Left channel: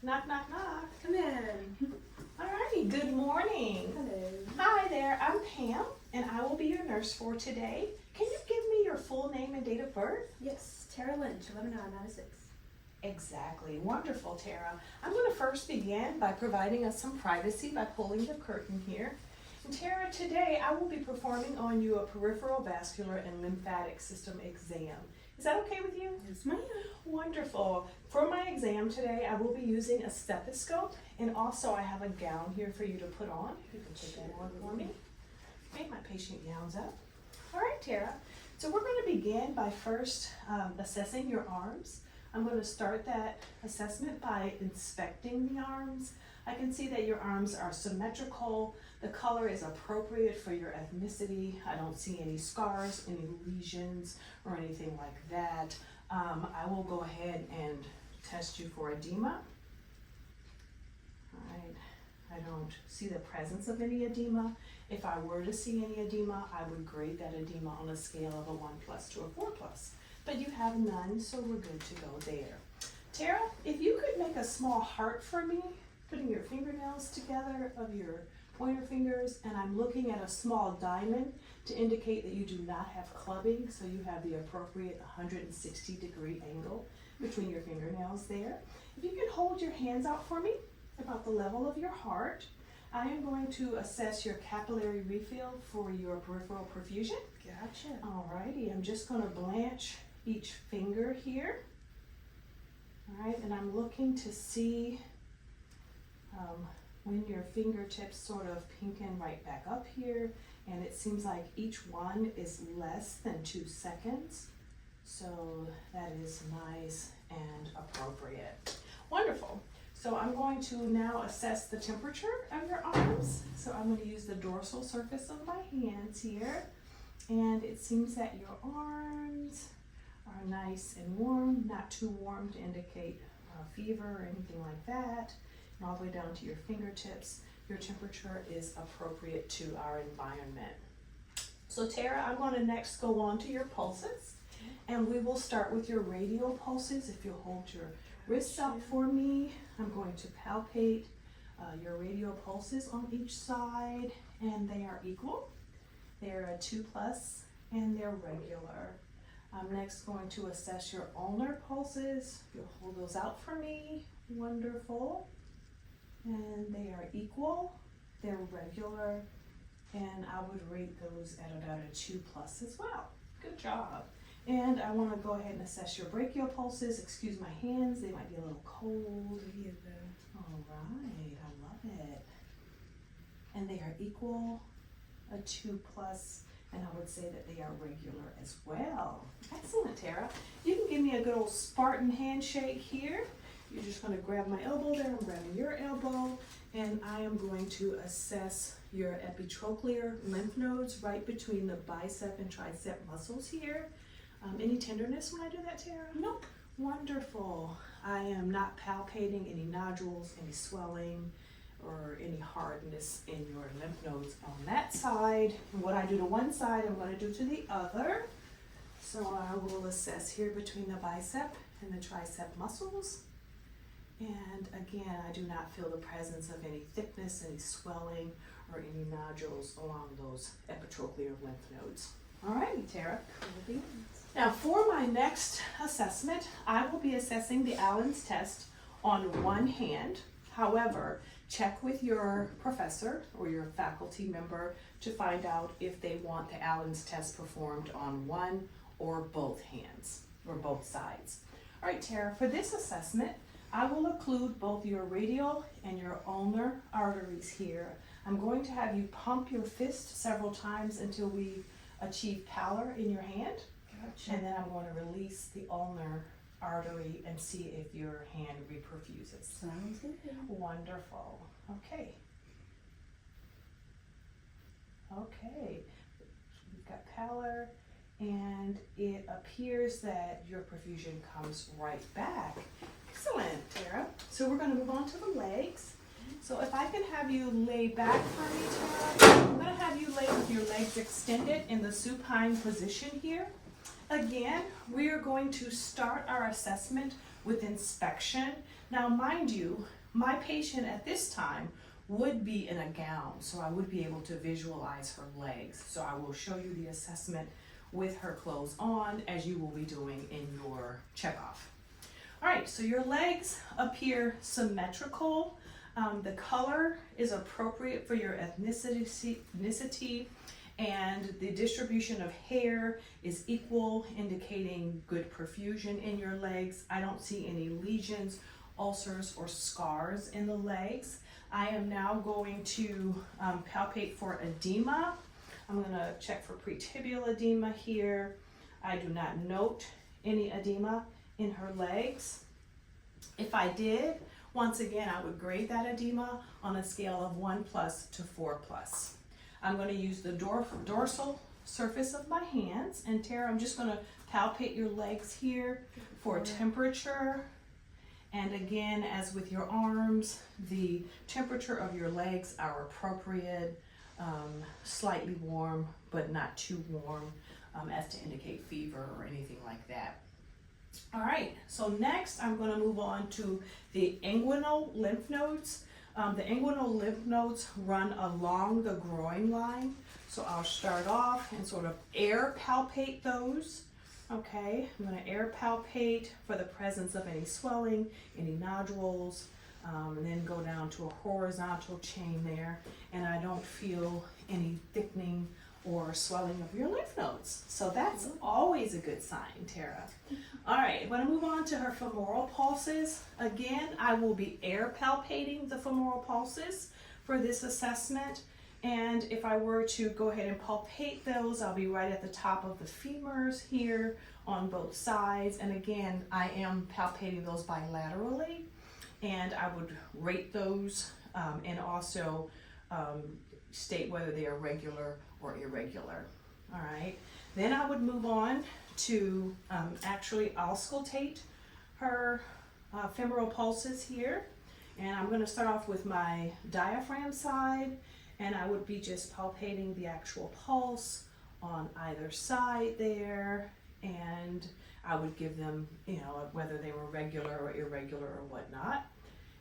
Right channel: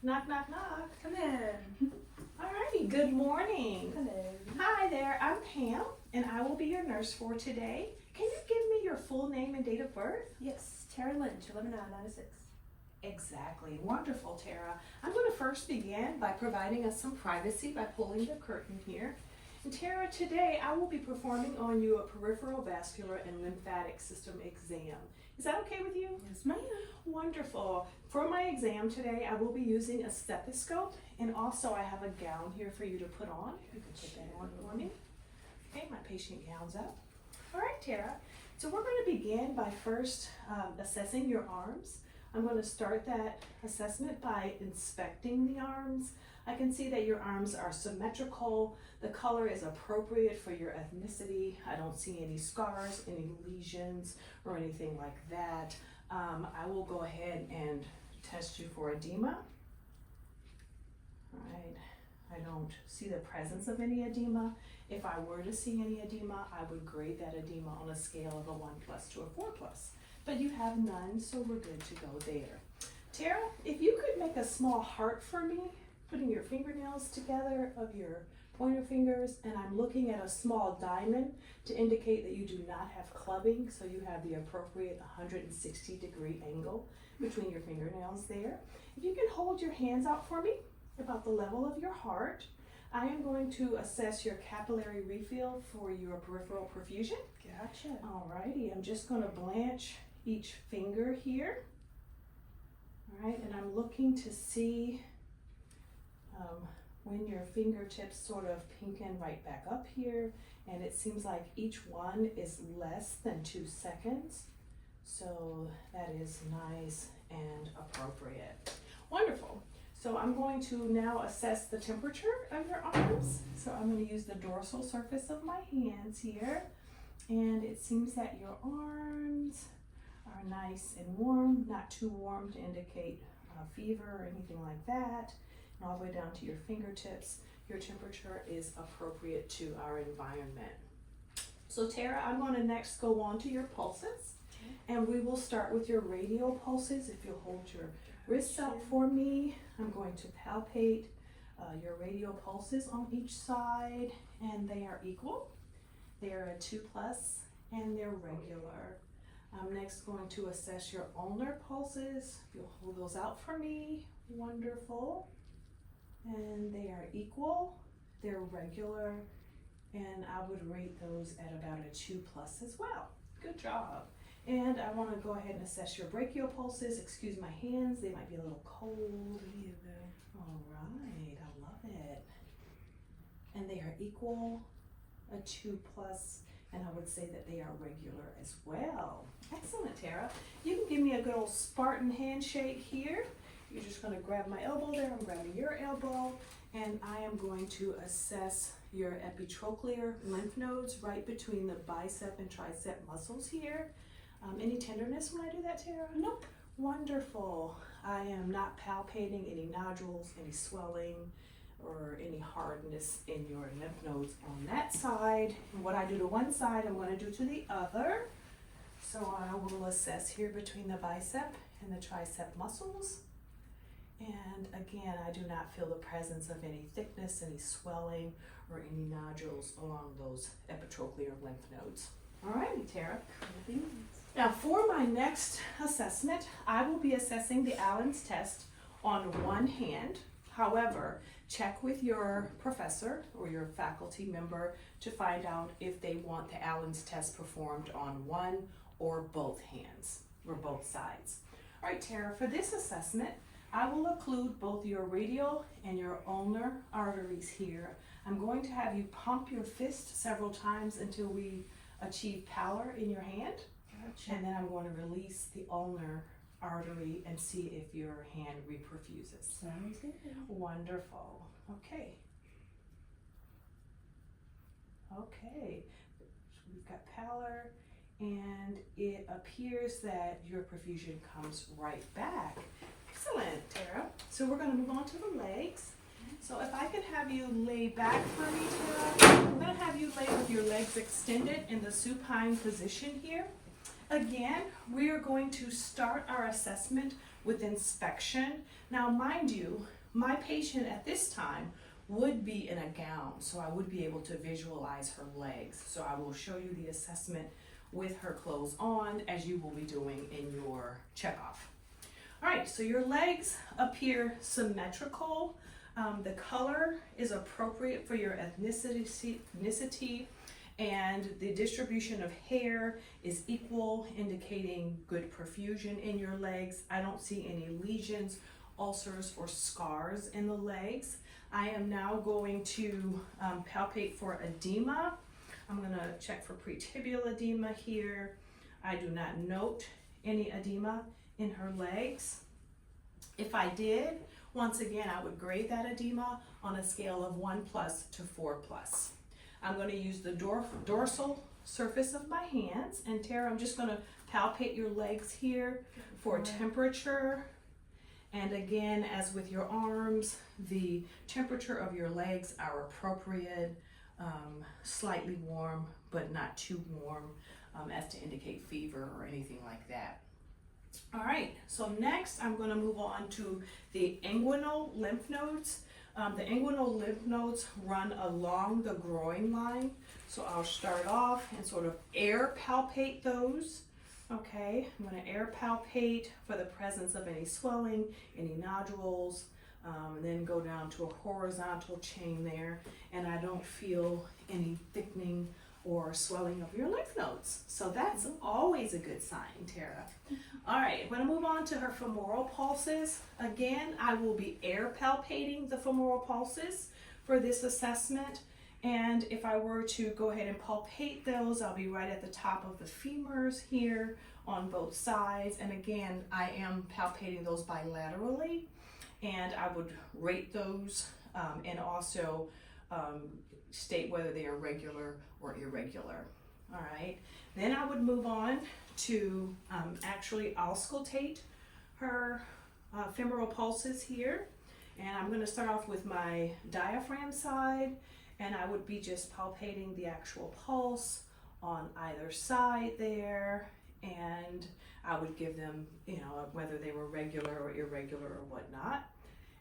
Knock, knock, knock. Come in. Alrighty, good morning. Hello. Hi there, I'm Pam, and I will be your nurse for today. Can you give me your full name and date of birth? Yes, Tara Lynch, 11/9/96. Exactly, wonderful, Tara. I'm going to first begin by providing us some privacy by pulling the curtain here. And Tara, today I will be performing on you a peripheral vascular and lymphatic system exam. Is that okay with you? Yes, ma'am. Wonderful. For my exam today, I will be using a stethoscope, and also I have a gown here for you to put on. You can take that on for me. Okay, my patient gown's up. All right, Tara. So we're going to begin by first assessing your arms. I'm going to start that assessment by inspecting the arms. I can see that your arms are symmetrical. The color is appropriate for your ethnicity. I don't see any scars, any lesions, or anything like that. I will go ahead and test you for edema. All right. I don't see the presence of any edema. If I were to see any edema, I would grade that edema on a scale of a 1+ to a 4+. But you have none, so we're good to go there. Tara, if you could make a small heart for me, putting your fingernails together of your pointer fingers, and I'm looking at a small diamond to indicate that you do not have clubbing, so you have the appropriate 160-degree angle between your fingernails there. If you can hold your hands out for me about the level of your heart, I am going to assess your capillary refill for your peripheral perfusion. Gotcha. Alrighty, I'm just going to blanch each finger here. Alright, and I'm looking to see when your fingertips sort of pinken right back up here, and it seems like each one is less than 2 seconds. So that is nice and appropriate. Wonderful. So I'm going to now assess the temperature of your arms. So I'm going to use the dorsal surface of my hands here. And it seems that your arms are nice and warm, not too warm to indicate fever or anything like that. And all the way down to your fingertips, your temperature is appropriate to our environment. So Tara, I'm going to next go on to your pulses. And we will start with your radial pulses. If you'll hold your wrists up for me, I'm going to palpate your radial pulses on each side, and they are equal. They're a 2+, and they're regular. I'm next going to assess your ulnar pulses. You'll hold those out for me. Wonderful. And they are equal. They're regular, and I would rate those at about a 2+ as well. Good job. And I want to go ahead and assess your brachial pulses. Excuse my hands, they might be a little cold. All right, I love it. And they are equal, a 2+, and I would say that they are regular as well. Excellent, Tara. You can give me a good old Spartan handshake here. You're just going to grab my elbow there. I'm grabbing your elbow, and I am going to assess your epitrochlear lymph nodes right between the bicep and tricep muscles here. Any tenderness when I do that, Tara? Nope. Wonderful. I am not palpating any nodules, any swelling, or any hardness in your lymph nodes on that side. And what I do to one side, I'm going to do to the other. So I will assess here between the bicep and the tricep muscles. And again, I do not feel the presence of any thickness, any swelling, or any nodules along those epitrochlear lymph nodes. All righty, Tara. Now for my next assessment, I will be assessing the Allen's test on one hand. However, check with your professor or your faculty member to find out if they want the Allen's test performed on one or both hands or both sides. All right, Tara, for this assessment, I will include both your radial and your ulnar arteries here. I'm going to have you pump your fist several times until we achieve pallor in your hand. Gotcha. And then I'm going to release the ulnar artery and see if your hand reperfuses. Sounds good. Wonderful. Okay. Okay. We've got pallor, and it appears that your perfusion comes right back. Excellent, Tara. So we're going to move on to the legs. So if I can have you lay back for me, Tara, I'm going to have you lay with your legs extended in the supine position here. Again, we are going to start our assessment with inspection. Now, mind you, my patient at this time would be in a gown, so I would be able to visualize her legs. So I will show you the assessment with her clothes on, as you will be doing in your checkoff. All right, so your legs appear symmetrical. The color is appropriate for your ethnicity, and the distribution of hair is equal, indicating good perfusion in your legs. I don't see any lesions, ulcers, or scars in the legs. I am now going to palpate for edema. I'm going to check for pretibial edema here. I do not note any edema in her legs. If I did, once again, I would grade that edema on a scale of 1+ to 4+. I'm going to use the dorsal surface of my hands, and Tara, I'm just going to palpate your legs here for temperature. And again, as with your arms, the temperature of your legs are appropriate, slightly warm, but not too warm as to indicate fever or anything like that. All right, so next I'm going to move on to the inguinal lymph nodes. The inguinal lymph nodes run along the groin line. So I'll start off and sort of air palpate those. Okay, I'm going to air palpate for the presence of any swelling, any nodules, and then go down to a horizontal chain there, and I don't feel any thickening or swelling of your lymph nodes. So that's always a good sign, Tara. All right, I'm going to move on to her femoral pulses. Again, I will be air palpating the femoral pulses for this assessment. And if I were to go ahead and palpate those, I'll be right at the top of the femurs here on both sides. And again, I am palpating those bilaterally, and I would rate those and also state whether they are regular or irregular. All right, then I would move on to actually auscultate her femoral pulses here. And I'm going to start off with my diaphragm side, and I would be just palpating the actual pulse on either side there, and I would give them, whether they were regular or irregular or whatnot.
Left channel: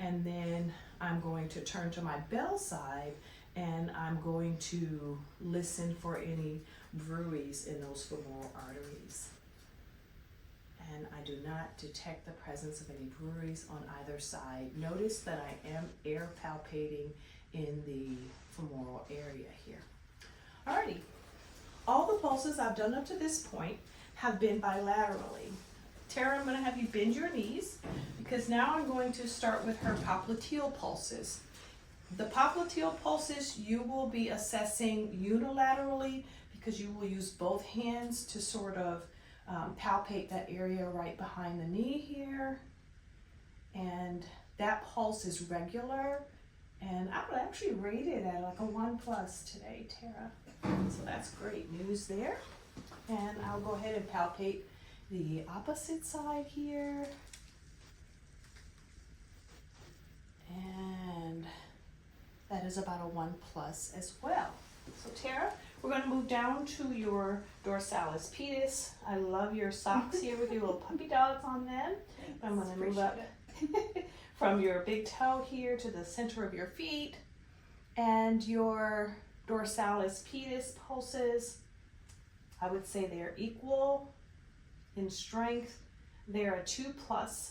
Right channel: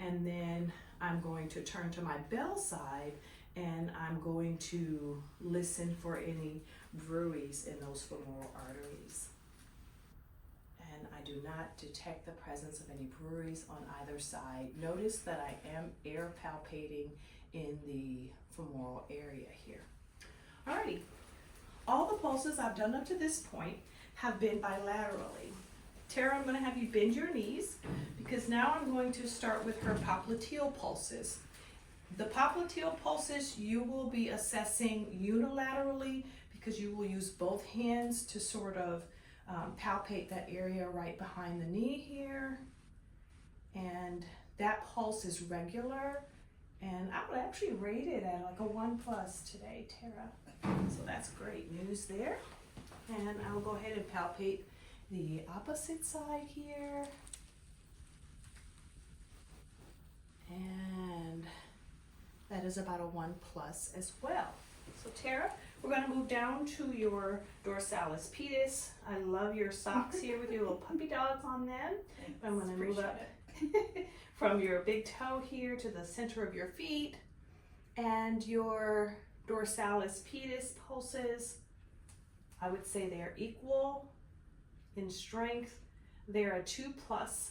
And then I'm going to turn to my bell side, and I'm going to listen for any bruits in those femoral arteries. And I do not detect the presence of any bruits on either side. Notice that I am air palpating in the femoral area here. Alrighty, all the pulses I've done up to this point have been bilaterally. Tara, I'm going to have you bend your knees, because now I'm going to start with her popliteal pulses. The popliteal pulses you will be assessing unilaterally, because you will use both hands to sort of palpate that area right behind the knee here. And that pulse is regular, and I would actually rate it at like a 1+ today, Tara. So that's great news there. And I'll go ahead and palpate the opposite side here. And that is about a 1+ as well. So Tara, we're going to move down to your dorsalis pedis. I love your socks here with your little puppy dogs on them. I'm going to move up from your big toe here to the center of your feet. And your dorsalis pedis pulses, I would say they're equal in strength. They're a 2+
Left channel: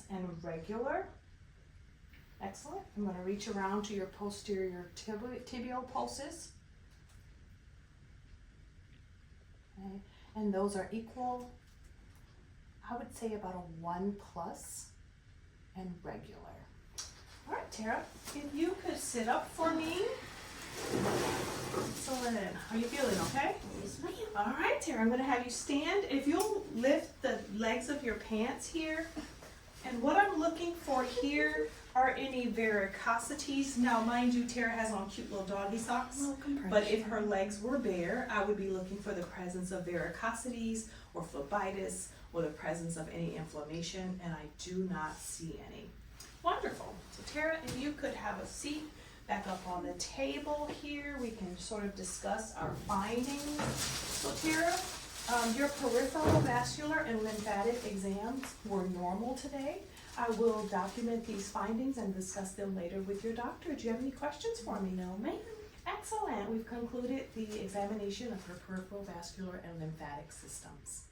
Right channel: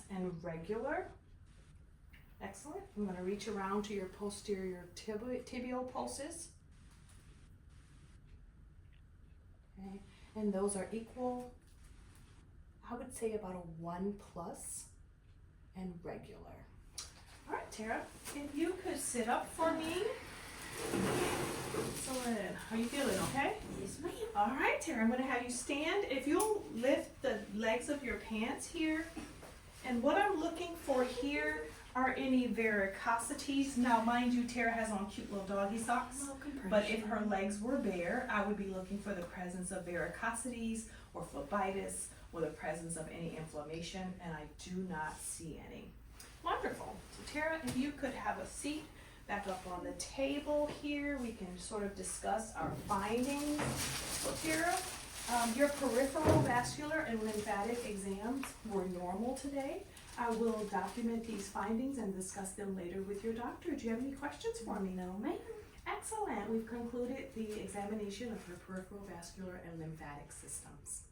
and regular. Excellent. I'm going to reach around to your posterior tibial pulses. Okay. And those are equal. I would say about a 1+ and regular. All right, Tara, if you could sit up for me. Excellent. Are you feeling okay? Yes, ma'am. All right, Tara, I'm going to have you stand. If you'll lift the legs of your pants here. And what I'm looking for here are any varicosities. Now, mind you, Tara has on cute little doggy socks. But if her legs were bare, I would be looking for the presence of varicosities or phlebitis or the presence of any inflammation, and I do not see any. Wonderful. So Tara, if you could have a seat back up on the table here, we can sort of discuss our findings. So Tara, your peripheral, vascular, and lymphatic exams were normal today. I will document these findings and discuss them later with your doctor. Do you have any questions for me? No, ma'am. Excellent. We've concluded the examination of her peripheral, vascular, and lymphatic systems.